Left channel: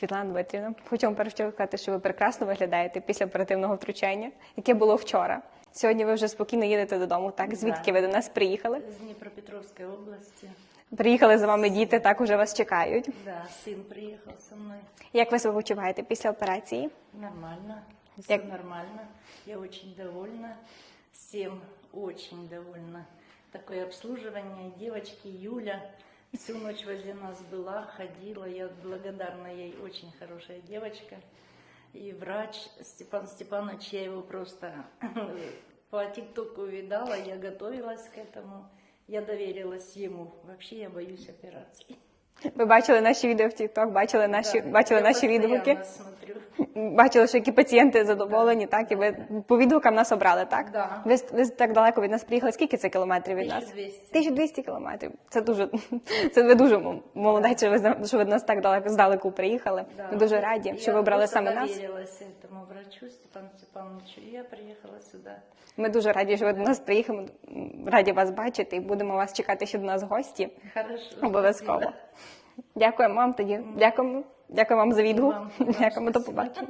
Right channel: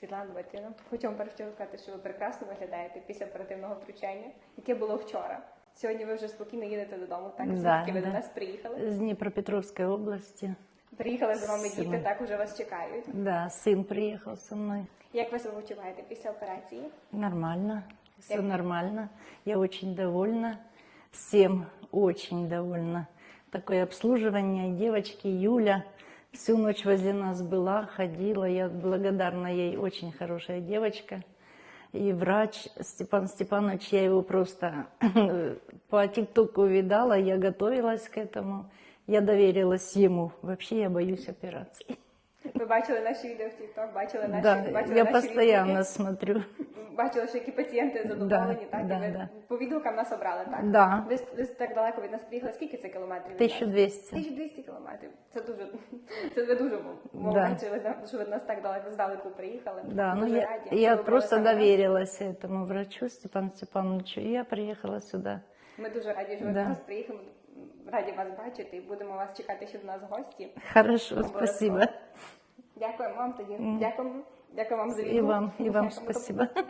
Світлана Дмитрівна, хочу вам перш чого сказати, що ви прекрасно виглядаєте після оперативного втручання, яке було вчора. Сьогодні ви вже спокійно їдете додому. Так, звідки ви до нас приїхали? Из Днепропетровской области. Приїхали за вами діти, так уже вас чекають. Да, сын приехал со мной. Як ви себе почуваєте після операції? Нормально, все Як- нормально. Я очень довольна. Всем очень довольна. Такое обслуживание. Девочки, Юля всю ночь возле нас была, ходила. Я благодарна ей, очень хорошая девочка. И врач Степан Степанович, я его просто по ТикТоку видала, я готовилась к этому. Я доверилась ему. Вообще я боюсь операций. Ви бачили наші відео в TikTok, бачили наші, Да, бачили я наші відгуки, смотрю. бачили, що які пацієнти задоволені, Да, так і ви да. по відгукам нас обрали, так? Да. Ви, ви так далеко від нас приїхали. Скільки це кілометрів від нас? 1200. 1200 кілометрів. Це дуже це ви дуже м- молодець, що ви зна- що ви нас так далеко здалеку приїхали. Да, Ми дуже я- раді, я що ви просто саме нас. доверилась этому врачу Степану Степановичу, и я приехала сюда. Ми дуже раді, що ви Да. до нас приїхали. Раді вас бачити і будемо вас чекати ще до нас гості. Хорошо, Обов'язково. Дякуємо вам тоді. Дякуємо. Дякую вам за відгук. Дякуємо до побачення.